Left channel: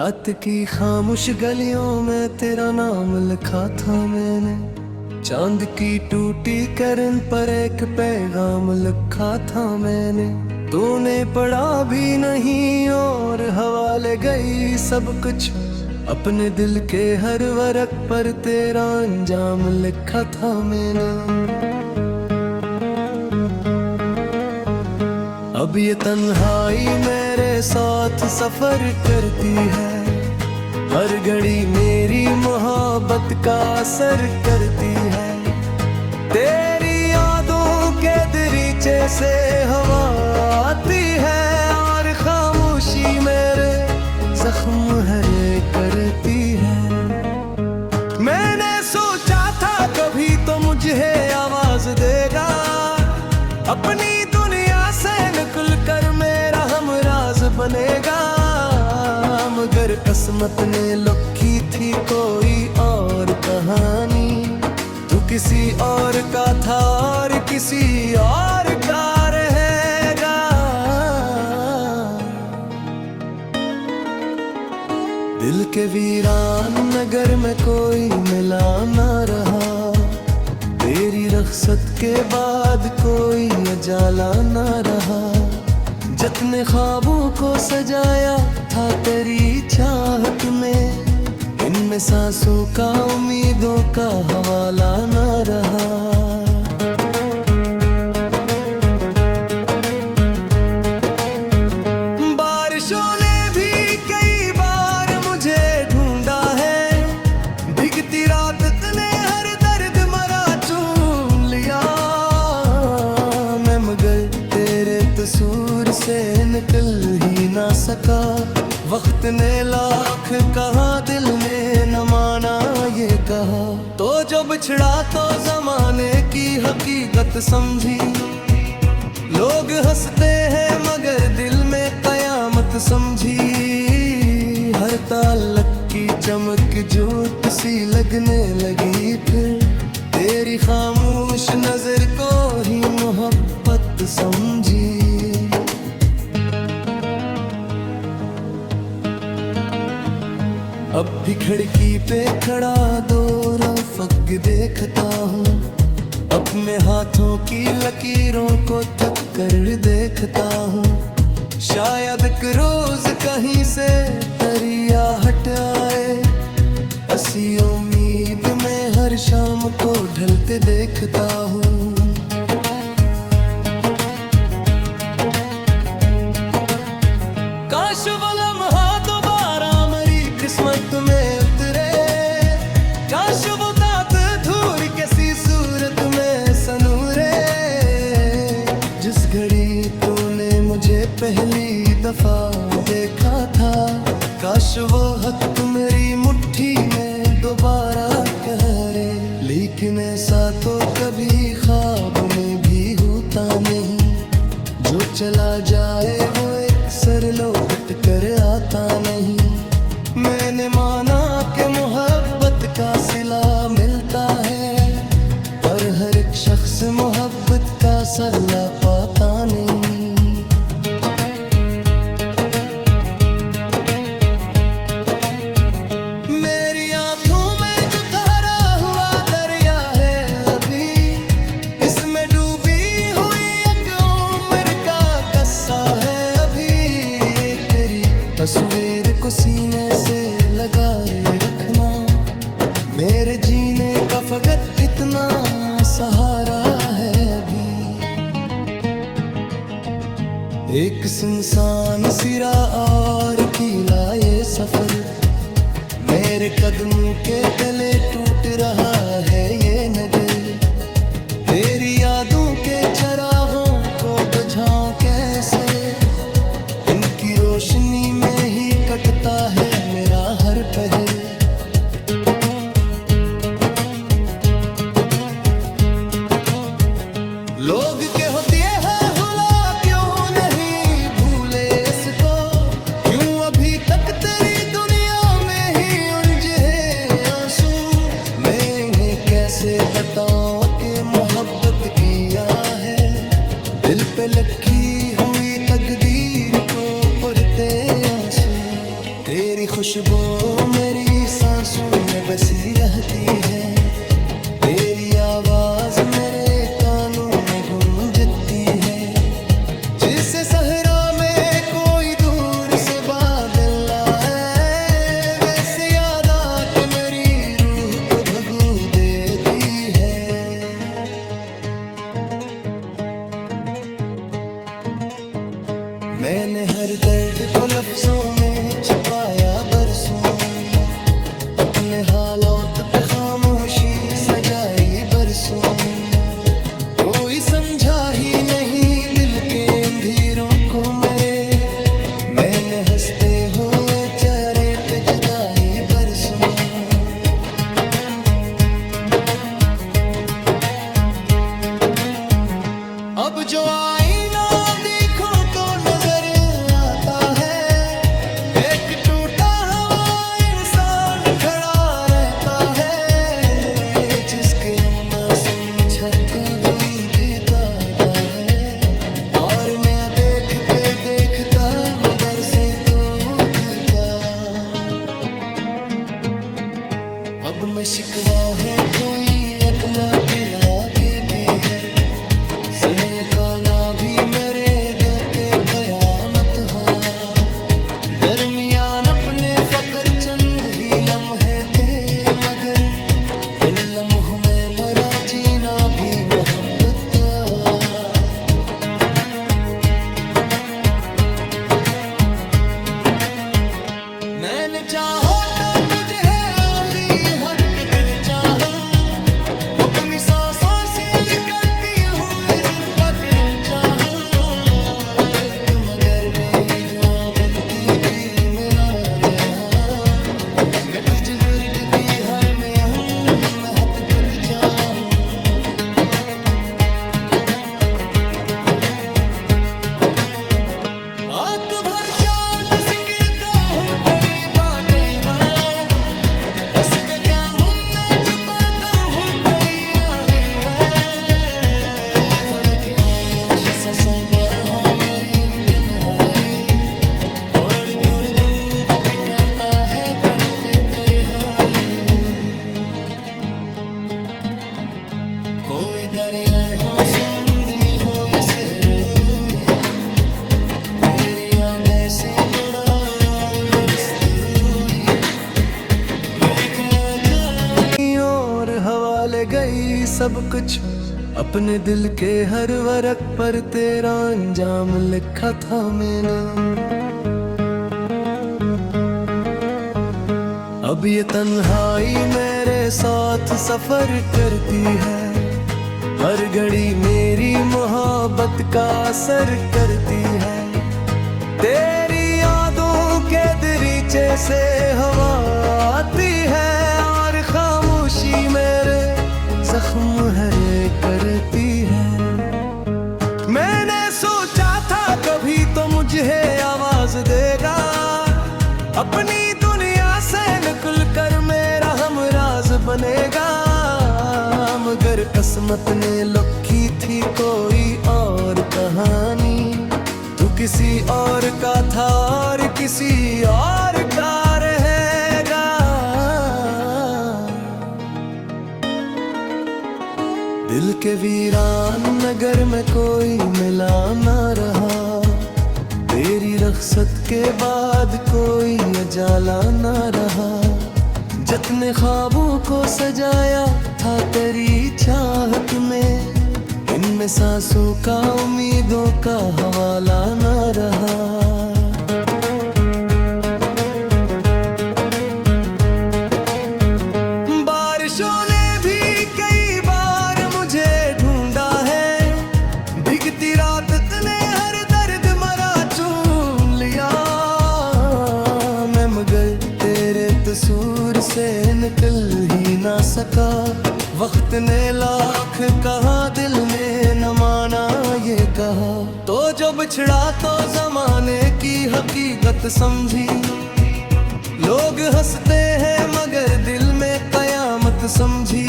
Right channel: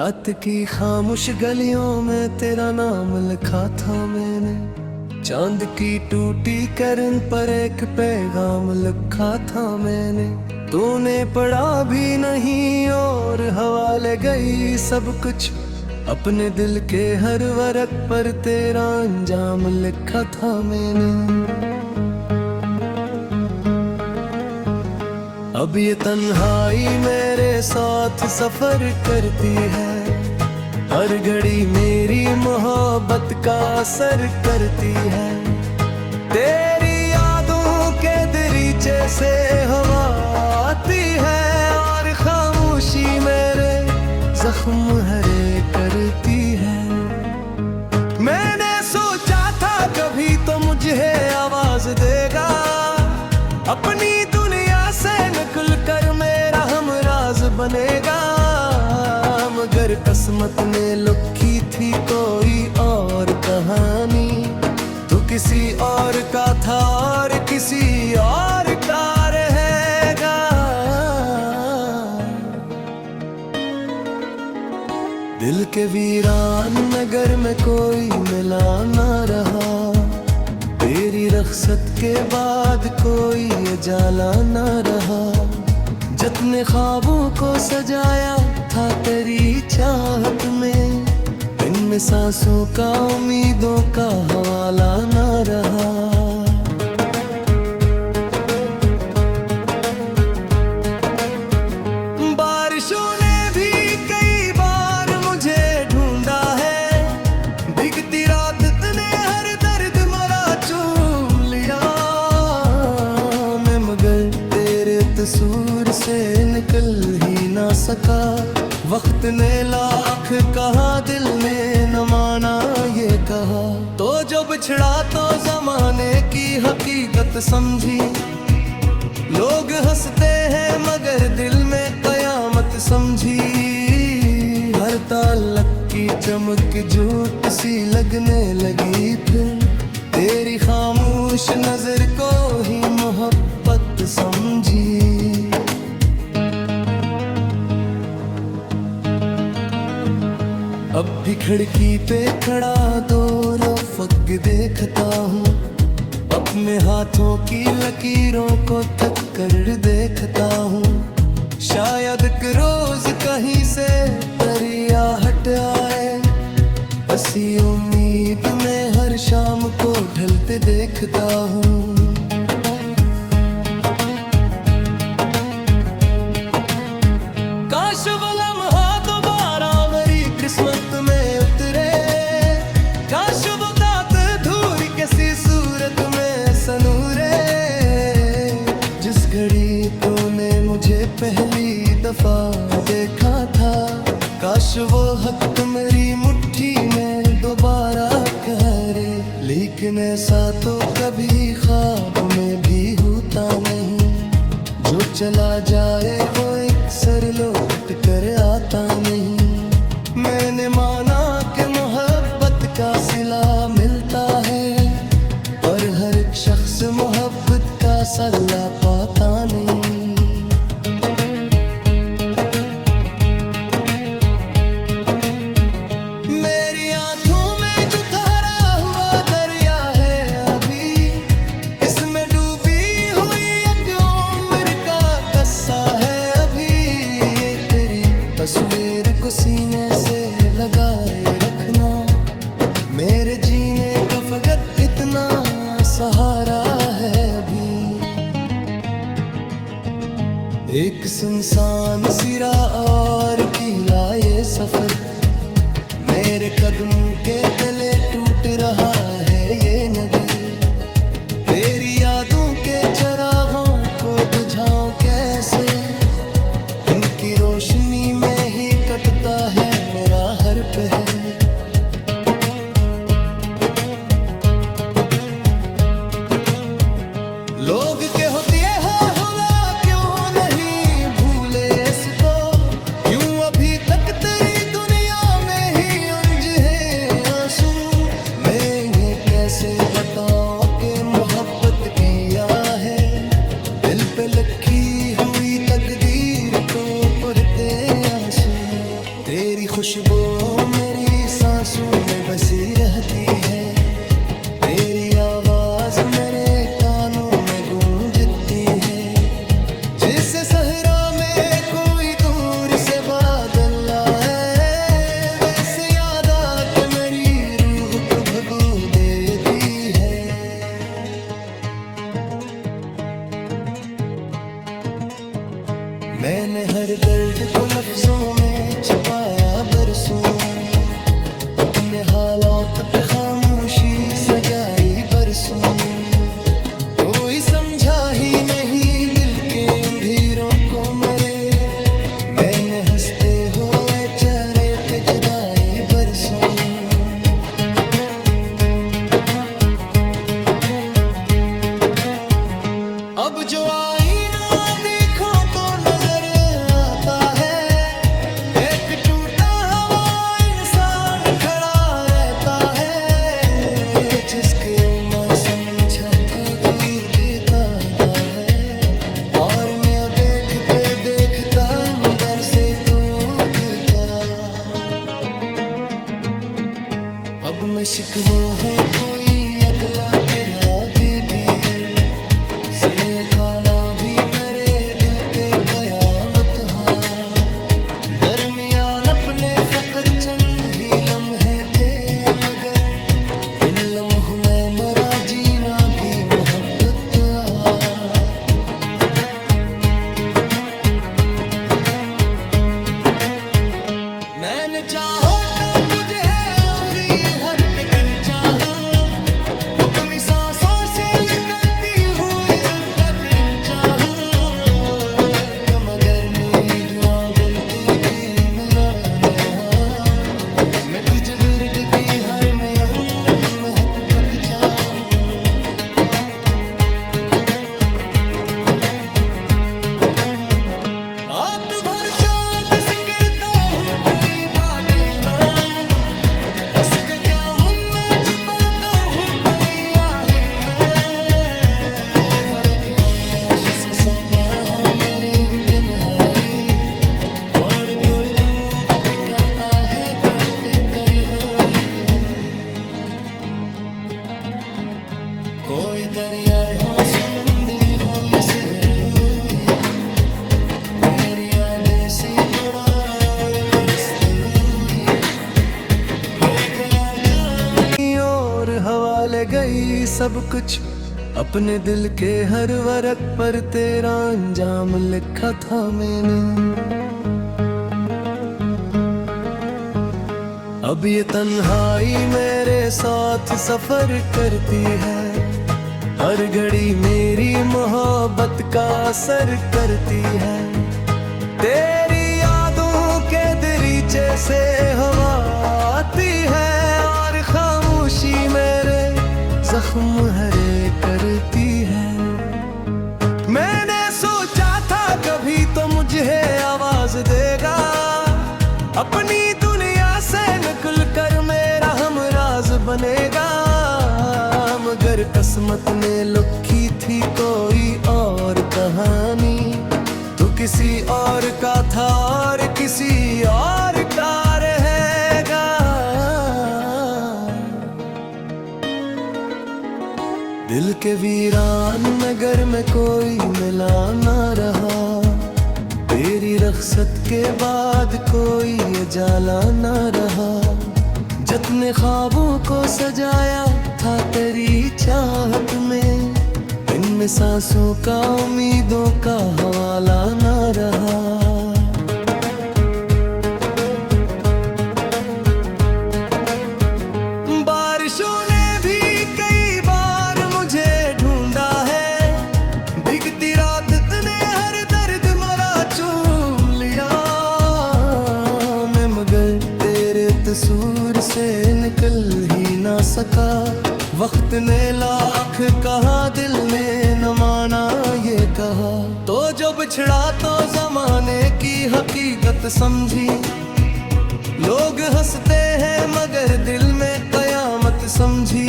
रात की खामोश गलियों में तेरा नाम लिखा था मैंने, चांद की टूटी किरण पर एक पैगाम लिखा था मैंने। तूने पढ़ा भी नहीं और हवाले गई सब कुछ, अपने दिल के हर वर्क पर तेरा अंजाम लिखा था मैंने। अब ये तन्हाई मेरे साथ सफर करती है, हर घड़ी मेरी मोहब्बत का असर करती है। तेरी यादों के दरीचे से हवा आती है और खामोशी मेरे जख्म हरे करती है। मैंने सोचा था कभी तो मुझे आवाज देगा, अपनी दुनिया से निकल कर मेरा हमराज बनेगा। मगर किस्मत ने लिखी थी कोई और कहानी, तू किसी और का था और किसी और का रहेगा। दिल के वीरान नगर में कोई मिला ना रहा, तेरी रख्सत के बाद कोई उजाला ना रहा। जितने ख्वाबों को सजाया था तेरी चाहत में, इनमें सांसों का उम्मीदों का हवाला ना रहा। बारिशों ने भी कई बार मुझे ढूंढा है, भीगती रात ने हर दर्द मरा चूम लिया मैं, मगर तेरे तसूर से निकल ही ना सका। वक्त ने लाख कहा, दिल ने न माना ये कहा, तो जो बिछड़ा तो जमाने की हकीकत समझी। लोग हंसते हैं मगर दिल में कयामत समझी, हर ताल्लुक की चमक झूठ सी लगने लगी। फिर तेरी खामोश नजर को ही मोहब्बत समझी। अब भी खिड़की पे खड़ा दो रफ़क़ देखता हूँ, अपने हाथों की लकीरों को थक कर देखता हूँ। शायद एक रोज कहीं से दरिया हट आए, ऐसी उम्मीद में हर शाम को ढलते देखता हूँ। काश वो लम्हा दोबारा मेरी किस्मत में उतरे, काश वो दांत धूल किसी सूरत में सनूरे। जिस घड़ी तूने मुझे पहली दफा देखा था, काश वो हक मेरी मुट्ठी में दोबारा करे। लेकिन ऐसा तो कभी ख्वाब में भी होता नहीं, जो चला जाए वो एक सर लौट कर आता नहीं। मैंने माना कि मोहब्बत का सिला मिलता है, पर हर एक शख्स मोहब्बत का सल्ला पाता नहीं। मेरी आंखों में जो ठहरा हुआ दरिया है अभी, इसमें डूबी हुई एक उम्र का किस्सा है अभी। एक तेरी तस्वीर को सीने से लगाए रखना, मेरे जीने का फकत इतना सहारा है अभी। एक सुनसान सिरा और कीला ये सफर, मेरे कदमों के तले टूट रहा है ये नगर। तेरी यादों के चरागों को बुझाऊं कैसे, इनकी रोशनी में ही कटता है मेरा हर पहर। लोग के होती है हुला क्यों नहीं भूले इसको, क्यों अभी तक तेरी दुनिया में ही उलझे आंसू। मैं कैसे बताऊं कि मोहब्बत किया है, दिल पे लिखी हुई तकदीर को पढ़ते आंसू, तेरी खुशबू मेरी सांसों में बसी रहती है, तेरी आवाज मेरे कानों में गूंजती है। जिसे सहरा में कोई दूर से बादल आए, वैसे याद आके मेरी रूह को भगू देती है। मैंने हर दर्द को लफ्जों में छुपाया बरसों, अपने हालात पे खामोशी सजाई बरसों। कोई समझा ही नहीं दिल के अंधेरों को मेरे, मैंने हंसते हुए चेहरे पे जुदाई बरसों। अब जो आईना देखो तो नजर आता है, एक टूटा हुआ इंसान खड़ा रहता है, जिसके उम्र समझा के दुई देता है। और मैं देखते देखता अंदर से टूटता। अब मैं शिकवा है कोई अगला के लागे भी है, से काना भी मेरे दिल पे कयामत हाँ। दरमियान अपने फकत चंद ही लम्हे थे, मगर इन लम्हों में मरा जीना भी मोहब्बत मैंने चाहो तो कुछ है आखिरी हद फिर चाहो, अपनी सांसों से निकलती हुई जिद्दा फिर चाहो। मगर मेरी दुआ गिनती की मैंने मैं तुझे गुर्द की हर में आऊं, मैं हद तक चाहूं। रात भर चाँद सिकरता हूँ तेरी बातें मैं, उसके दामन में छुपाता हूँ तेरी आहें मैं। बड़ी खामोश सांसों पर हो मेरी किनारी, और थोड़ी धूप पिकाता है तो फिकर हो। कोई दरिया हो समंदर हो या सहरोई, तेरी यादें से थोड़ा और बरसती हुई मेरे करा जाऊंगी। और हवाले गई सब कुछ अपने दिल के हर वर्क पर, तेरा अंजाम लिखा था मैंने। अब ये तन्हाई मेरे साथ सफर करती है, हर घड़ी मेरी मोहब्बत का असर करती है। तेरी यादों के दरीचे से हवा आती है, और खामोशी मेरे जख्म हरे करती है। मैंने सोचा था कभी तो मुझे आवाज देगा, अपनी दुनिया से निकल कर मेरा हमराज बनेगा। मगर किस्मत ने लिखी थी कोई और कहानी, तू किसी और का था और किसी और का रहेगा। दिल के वीरान नगर में कोई मिला ना रहा, तेरी रख्सत के बाद कोई उजाला ना रहा। जितने ख्वाबों को सजाया था तेरी चाहत में, इनमें सांसों का उम्मीदों का हवाला ना रहा। बारिशों ने भी कई बार मुझे ढूंढा है, भीगती रात ने हर दर्द मरा चूम लिया मैं, मगर तेरे कसूर से निकल ही ना सका। वक्त ने लाख कहा, दिल ने न माना ये कहा, तो जो बिछड़ा तो जमाने की हकीकत समझी। लोग हंसते हैं मगर दिल में कयामत समझी,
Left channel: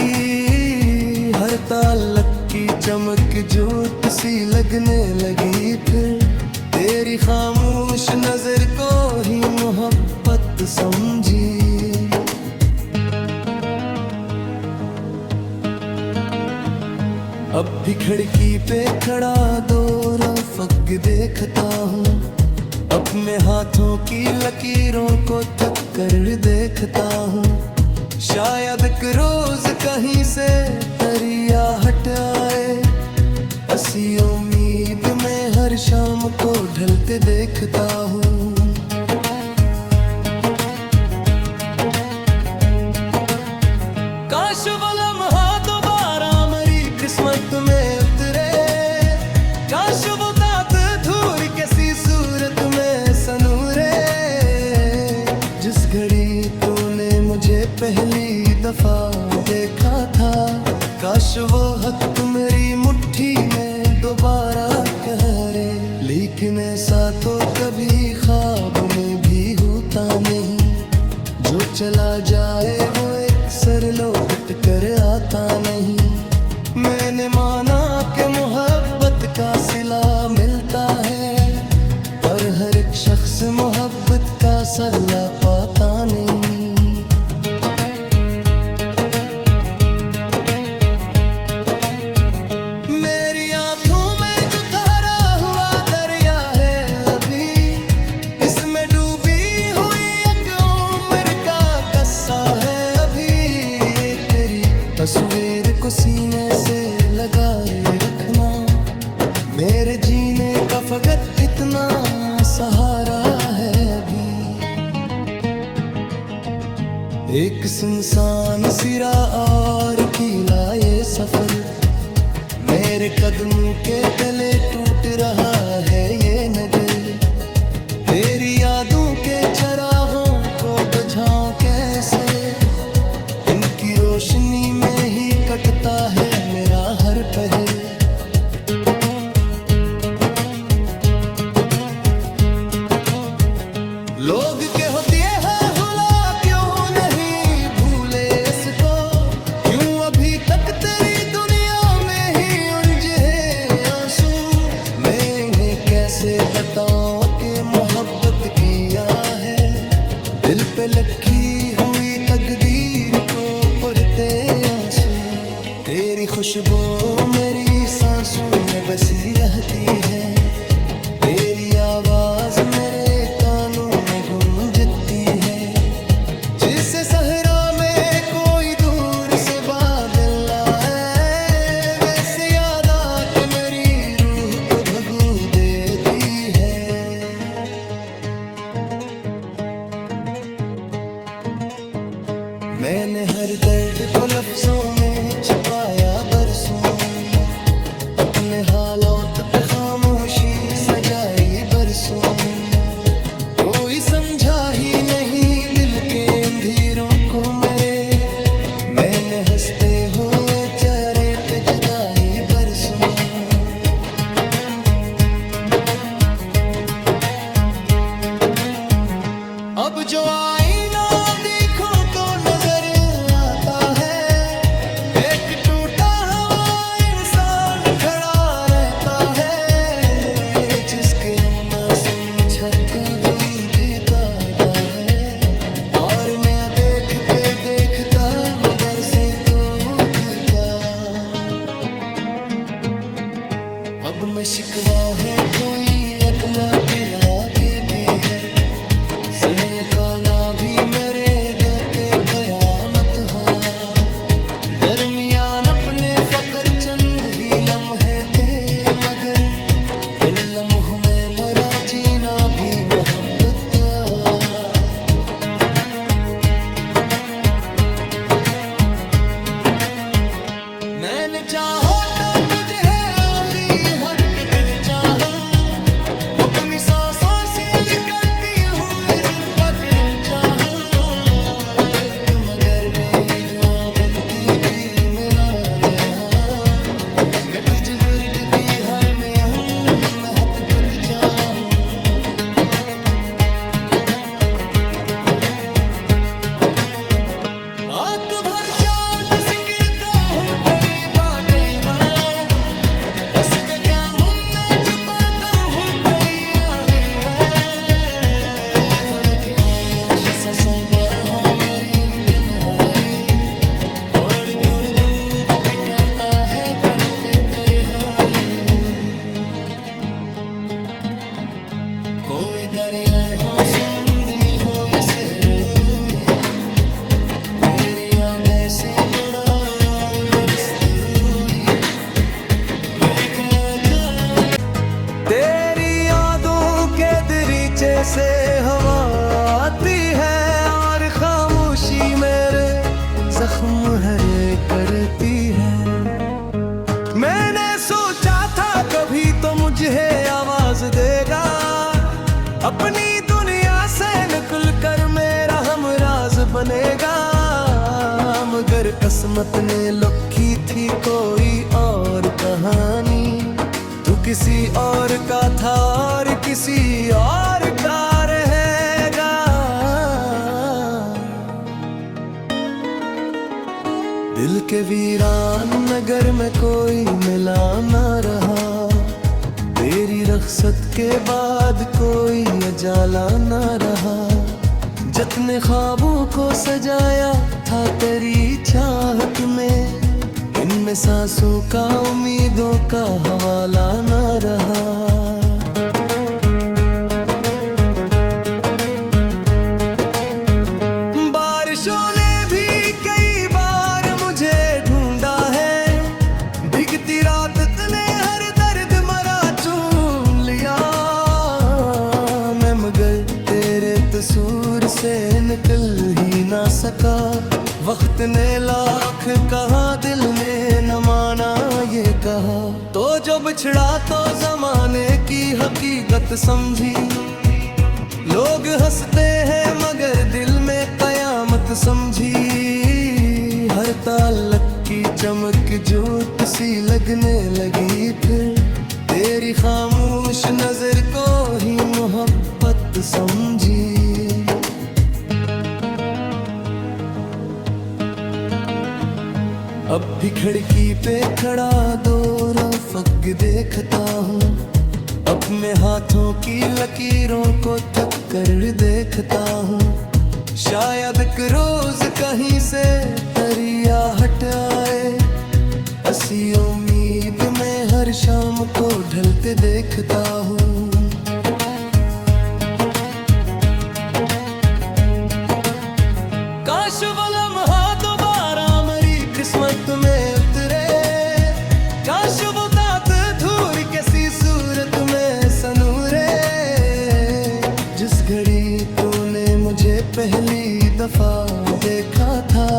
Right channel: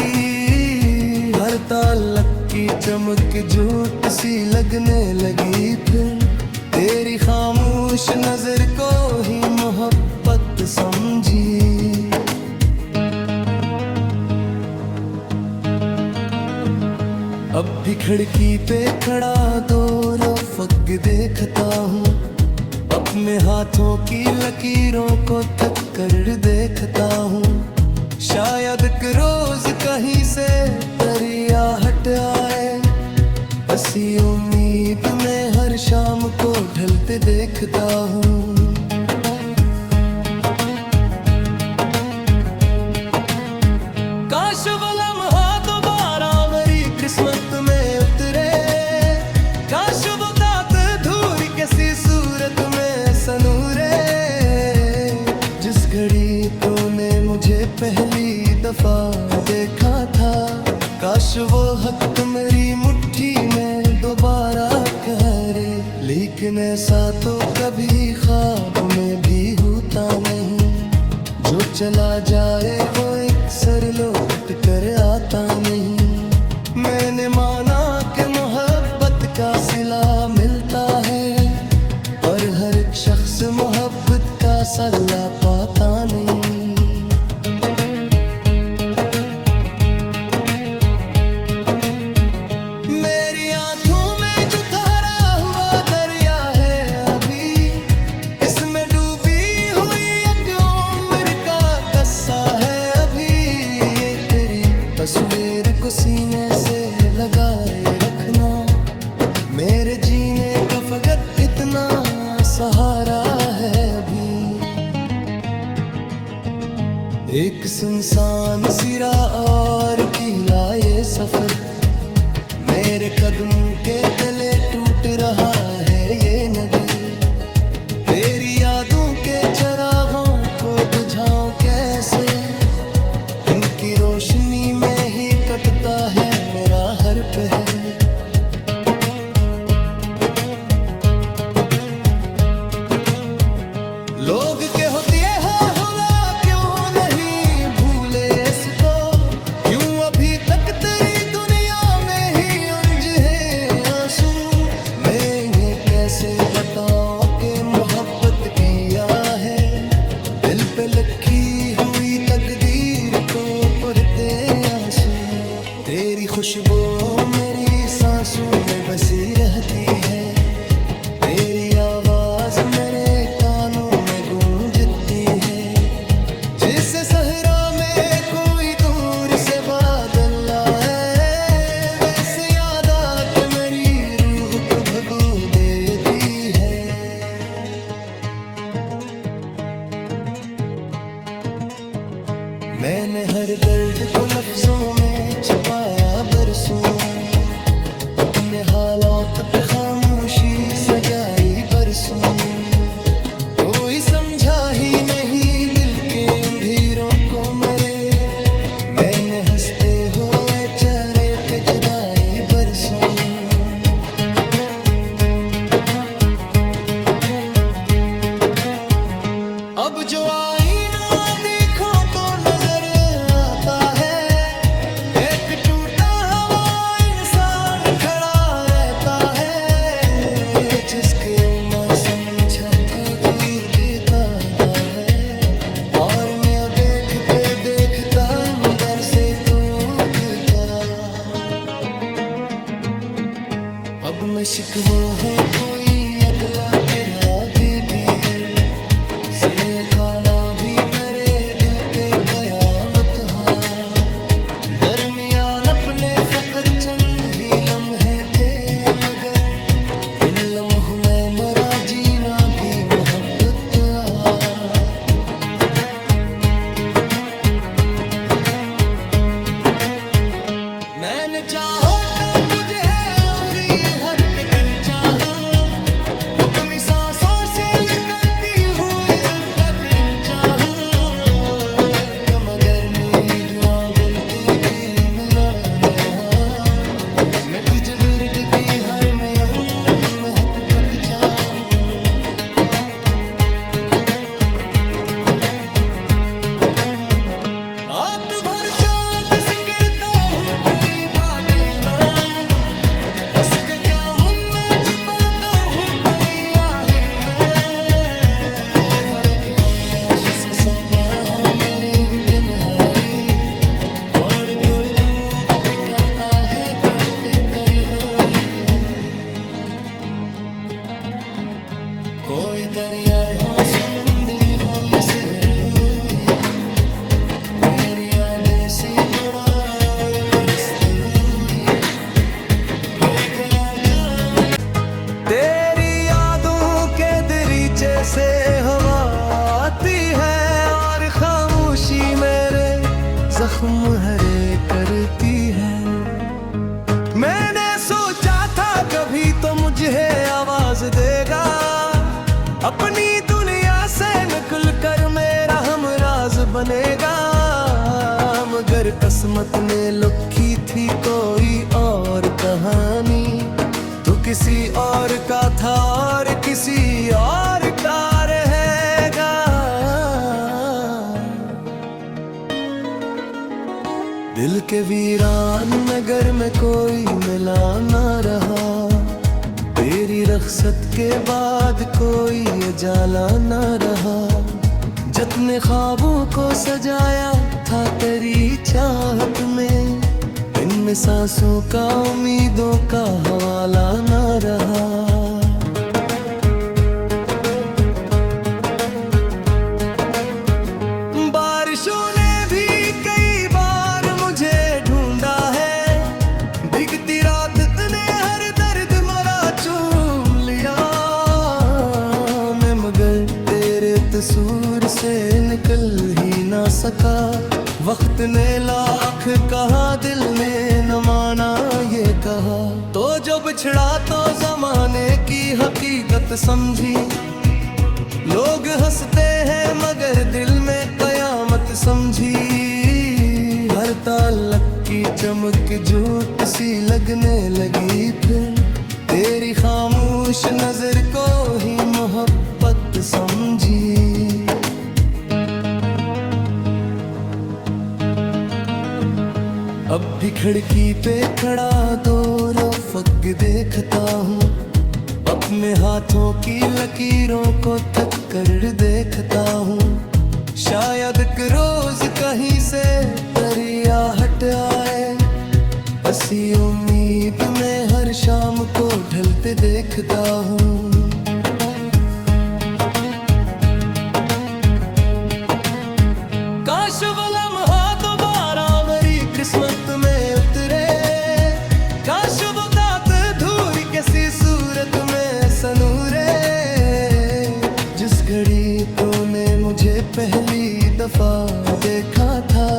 हर ताल्लुक की चमक झूठ सी लगने लगी फिर, तेरी खामोश नजर को ही मोहब्बत समझी। अब भी खिड़की पे खड़ा दो रफ़क़ देखता हूँ, अपने हाथों की लकीरों को थक कर देखता हूँ। शायद एक रोज कहीं से दरिया हट आए, हंसी उम्मीद में हर शाम को ढलते देखता हूँ। काश वो लम्हा दोबारा मेरी किस्मत में उतरे, काश वो दांत धूल किसी सूरत में सनूरे। जिस घड़ी तूने मुझे पहली दफा देखा था, काश वो हक मेरी मुट्ठी में दोबारा करे। लेकिन ऐसा तो कभी ख्वाब में भी होता नहीं, जो चला जाए वो एक सर लौट कर आता नहीं। मैंने माना कि मोहब्बत का सिला मिलता है, पर हर एक शख्स मोहब्बत का सल्ला पाता नहीं। मेरी आंखों में जो ठहरा हुआ दरिया है अभी, इसमें डूबी हुई एक उम्र का किस्सा है अभी। ये तेरी तस्वीर को सीने से लगाए रखना, मेरे जीने का फकत इतना सहारा है अभी। एक सुनसान सिरा और कीला ये सफर, मेरे कदमों के तले टूट रहा है ये नगर। तेरी यादों के चरागों को बुझाऊं कैसे, इनकी रोशनी में ही कटता है मेरा हर पहर। लोग के होती है हुला क्यों नहीं भूले इसको, क्यों अभी तक तेरी दुनिया में ही उलझे आंसू। मैं कैसे बताऊं कि मोहब्बत किया है, दिल पे लिखी हुई तकदीर को पढ़ते आंसू। तेरी खुशबू मेरी सांसों में बसी रहती है, तेरी आवाज मेरे कानों में गूंजती है। जिसे सहरा में कोई दूर से बादल आए, वैसे याद आके मेरी रूह को भगू देती है। मैंने हर दर्द को लफ्जों में छुपाया बरसों, अपने हालात पे खामोशी सजाई बरसों। कोई समझा ही नहीं दिल के अंधेरों को मेरे, मैंने हंसते हुए चेहरे पे जुदाई बरसों। अब जो आईना देखो तो नजर आता है, एक टूटा हुआ इंसान खड़ा रहता है, जिसके उम्र समझा दुई देता है। और मैं देखते देखता अंदर से टूटता। अब मैं शिकवा है कोई अगला लागे भी है, से काना भी मेरे दिल पे कयामत हाँ। दरमियान अपने फकत चंद ही लम्हे थे, मगर इन लम्हों में मरा जीना भी मोहब्बत। मैंने चाहो तो कुछ है आखिरी हद फिर चाहो, अपनी सांसों से निकलती हुई जिद फिर चाहो। मगर मेरी दुआ बिलती थी मेरा नेहा, मैं तुझे वर्द की हर में महत पत चाहूं। रात भर चाँद से करता हूँ तेरी बातें मैं, हो मेरी तुम्हारी और डूब पिकाता है तोते कर हो कोई दरिया हो समुंदरी हो ये सहरोई तेरी यादें से उड़ा और बरसती हुई मैं चला जाऊं तेरी यादों के दरीचे से हवा आती है और खामोशी मेरे जख्म हरे करती है मैंने सोचा था कभी तो मुझे आवाज देगा अपनी दुनिया से निकल कर मेरा हमराज बनेगा मगर किस्मत ने लिखी थी कोई और कहानी तू किसी और का था और किसी और का रहेगा दिल के वीरान नगर में कोई मिला ना रहा तेरी रख्सत के बाद कोई उजाला ना रहा जितने ख्वाबों को सजाया था तेरी चाहत में इनमें सांसों का उम्मीदों का हवाला ना रहा बारिशों ने भी कई बार मुझे ढूंढा है भीगती रात ने हर दर्द मरा चूम लिया मैं मगर तेरे कसूर से निकल ही ना सका वक्त ने लाख कहा दिल ने न माना ये कहा तो जो बिछड़ा तो जमाने की हकीकत समझी लोग हंसते हैं मगर दिल में कयामत समझी हर ताल्लुक की चमक झूठ सी लगने लगी फिर तेरी खामोश नजर को ही मोहब्बत समझी अब भी खिड़की पे खड़ा दो रफ़क़ देखता हूँ अपने हाथों की लकीरों को थक कर देखता हूँ शायद एक रोज कहीं से दरिया हट आए हंसी उम्मीद में हर शाम को ढलते देखता हूँ काश वो लम्हा दोबारा मेरी किस्मत में उतरे काश वो दांत धूल किसी सूरत में सनूरे जिस घड़ी तूने मुझे पहली दफा देखा था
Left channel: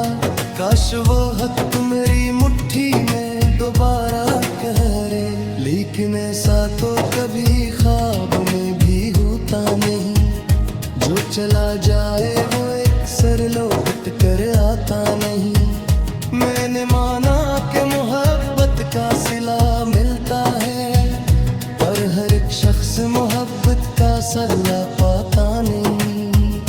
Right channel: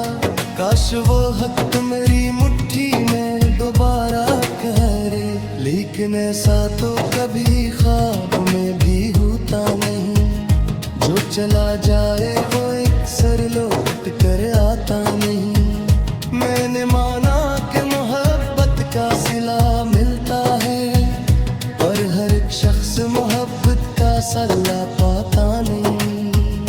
काश वो हक मेरी मुट्ठी में दोबारा करे लेकिन ऐसा तो कभी ख्वाब में भी होता नहीं जो चला जाए वो एक सर लौट कर आता नहीं मैंने माना कि मोहब्बत का सिला मिलता है पर हर एक शख्स मोहब्बत का सल्ला पाता नहीं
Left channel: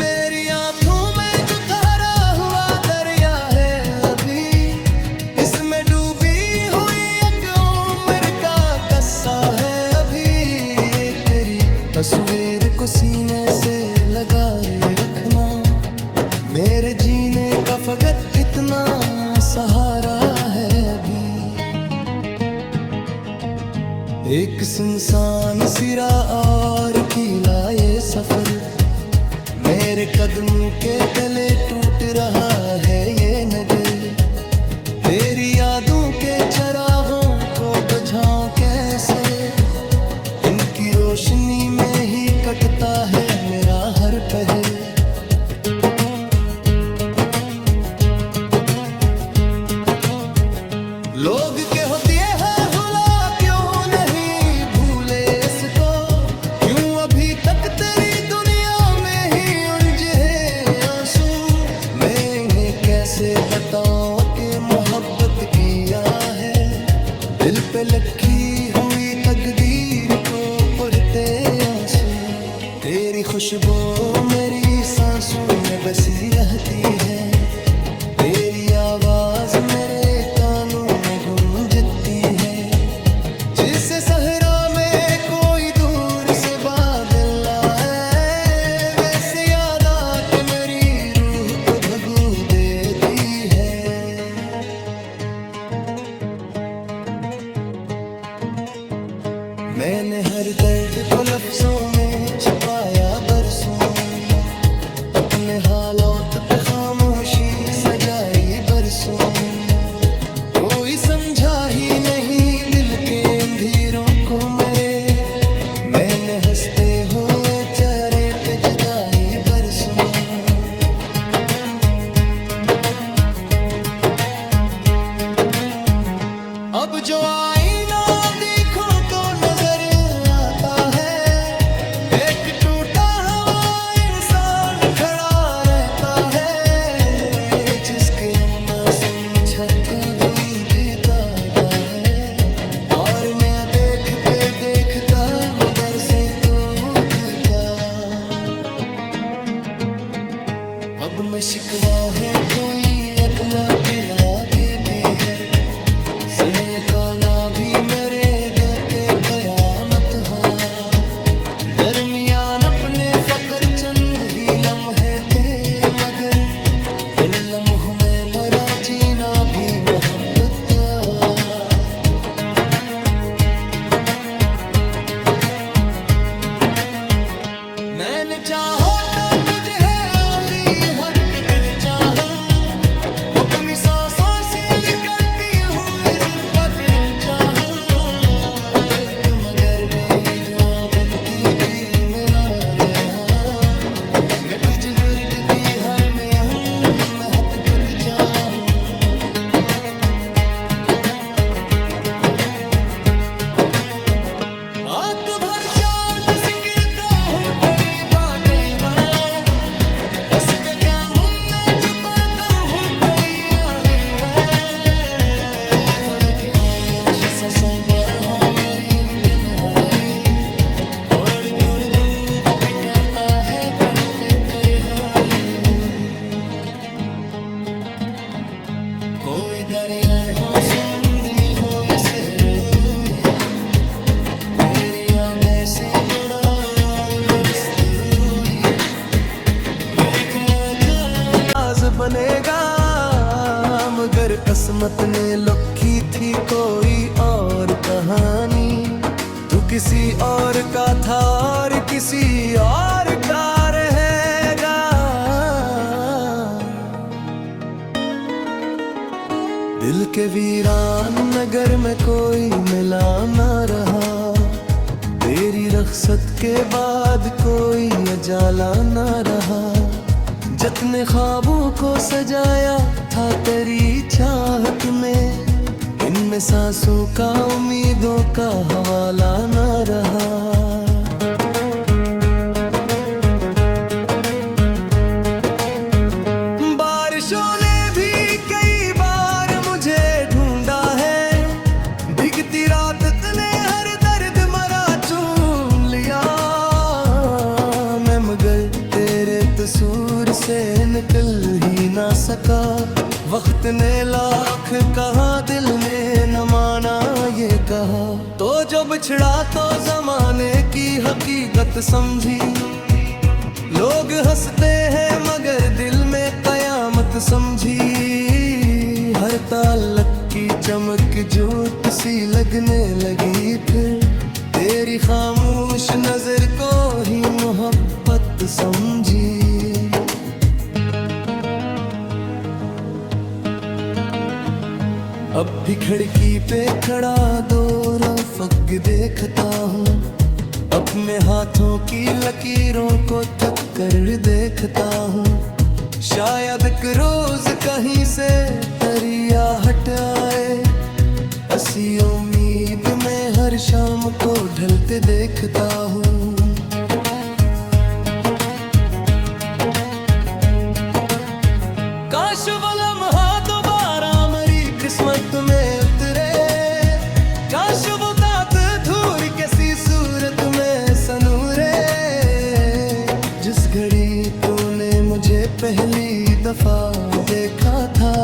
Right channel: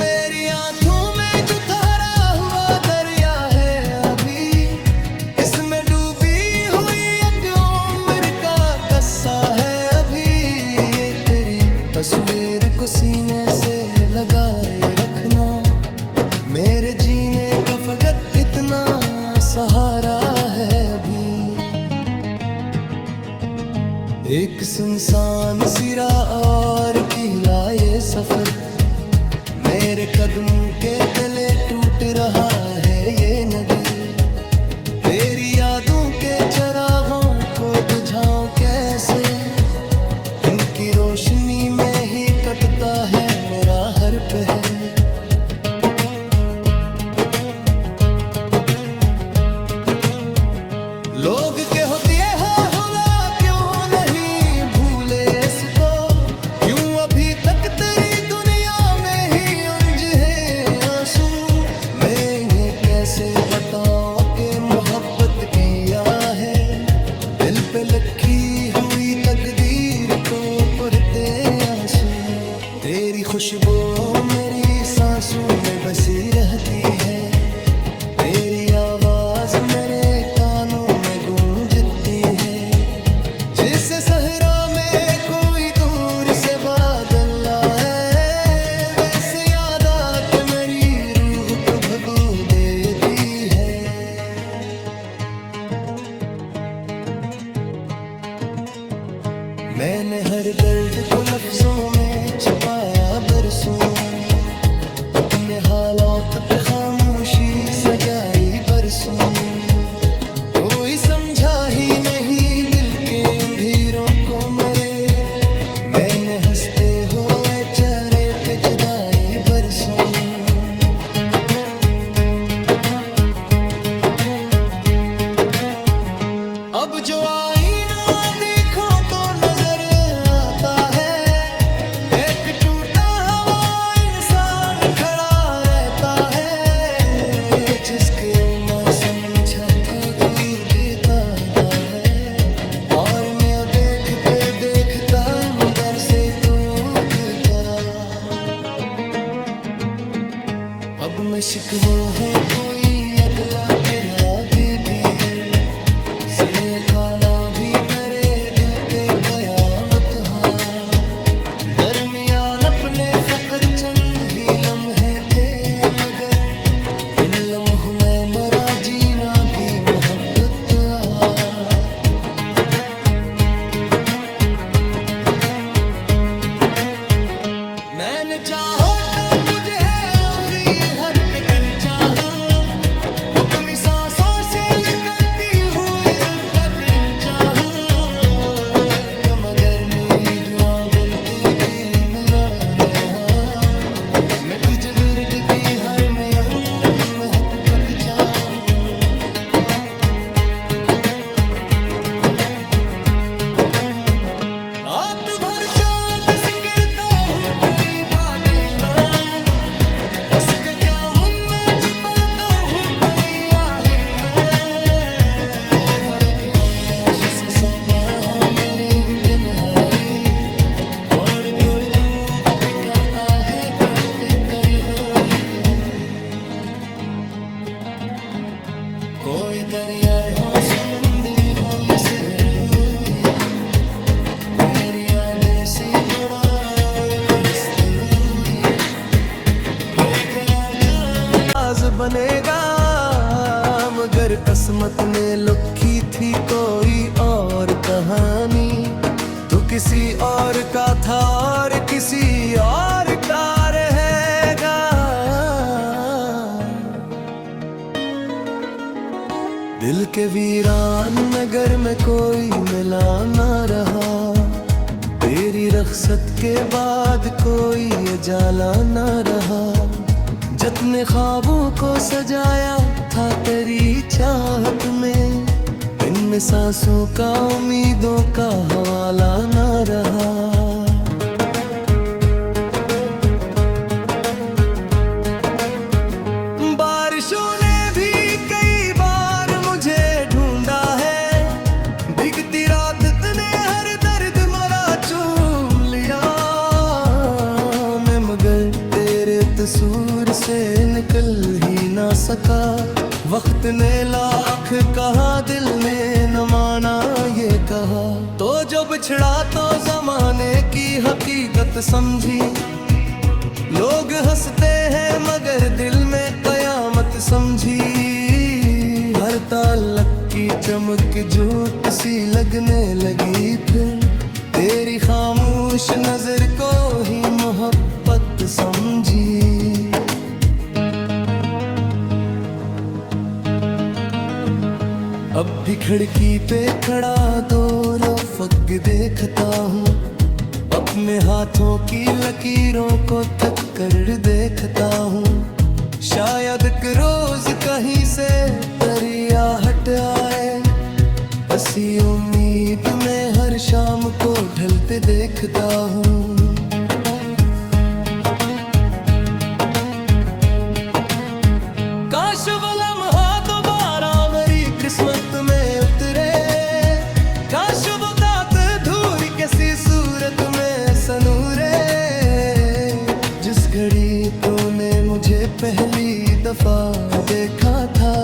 मेरी आंखों में जो ठहरा हुआ दरिया है अभी इसमें डूबी हुई एक उम्र का किस्सा है अभी ये तेरी तस्वीर को सीने से लगाए रखना मेरे जीने का फकत इतना सहारा है अभी एक सुनसान सिरा और कीला ये सफर मेरे कदमों के तले टूट रहा है ये नगर तेरी यादों के चरागों को बुझाऊं कैसे इनकी रोशनी में ही कटता है मेरा हर पहर लोग के होती है हुला क्यों नहीं भूले इसको क्यों अभी तक तेरी दुनिया में ही उलझे आंसू मैं कैसे बताऊं कि मोहब्बत किया है दिल पे लिखी हुई तकदीर को पढ़ते आंसू तेरी खुशबू मेरी सांसों में बसी रहती है तेरी आवाज मेरे कानों में गूंजती है जिसे सहरा में कोई दूर से बादल आए, वैसे याद आके मेरी रूह को भगू देती है। मैंने हर दर्द को लफ्जों में छुपाया बरसों, अपने हालात पे खामोशी सजाई बरसों। कोई समझा ही नहीं दिल के अंधेरों को मेरे, मैंने हंसते हुए चेहरे पे जुदाई बरसों। अब जो आईना देखो तो नजर आता है, एक टूटा हुआ इंसान खड़ा रहता है, जिसके मौसम छत बुई देता है। और मैं देखते देखता अंदर से टूटता। अब मैं शिकवा है कोई अदला के लागे भी है, सिले का ना भी मेरे दिल पे कयामत हाँ। दरमियान अपने फकत चंद ही लम्हे थे, मगर इन लम्हों में मरा जीना भी मोहब्बत मैंने चाहो तो तुझे आधी हद फिर चाहो, अपनी सांसों से निकलती हुई जिद्दा फिर चाहो। कि मगर मेरी दुआ बिनती की मैंने मैं तुझे बिरद की हर में आऊं, मैं हद तक चाहूं। रात भर चाँद सिकरता हूँ तेरी बातें मैं, बस के जामुन में छुपाता हूँ तेरी आहें मैं। बरती खामोश ससंता है मेरी किनारी, और कर डूब पिटाता है तड़पे कर है। कोई दरिया हो समंदर हो ये शहर हुई, तेरी यादें से थोड़ा और बरसती हुई। मेरी आज बनेगा, मगर किस्मत ने लिखी थी कोई और कहानी। तू किसी और का था और किसी और का रहेगा। दिल के वीरान नगर में कोई मिला ना रहा, तेरी रख्सत के बाद कोई उजाला ना रहा। जितने ख्वाबों को सजाया था तेरी चाहत में, इनमें सांसों का उम्मीदों का हवाला ना रहा। बारिशों ने भी कई बार मुझे ढूंढा है, भीगती रात ने हर दर्द मरा चूम लिया मैं, मगर तेरे तसूर से निकल ही ना सका। वक्त ने लाख कहा, दिल ने न माना ये कहा, तो जो बिछड़ा तो जमाने की हकीकत समझी। लोग हंसते हैं मगर दिल में कयामत समझी। हर ताल्लुक की चमक झूठ सी लगने लगी, फिर तेरी खामोश नजर को ही मोहब्बत समझी। अब भी खिड़की पे खड़ा दो रफ़क़ देखता हूँ, अपने हाथों की लकीरों को थक कर देखता हूँ। शायद एक रोज कहीं से दरिया हट आए, हंसी उम्मीद में हर शाम को ढलते देखता हूँ। काश वो लम्हा दोबारा मेरी किस्मत में उतरे, काश वो दांत धूल किसी सूरत में सनूरे। जिस घड़ी तूने मुझे पहली दफा देखा था,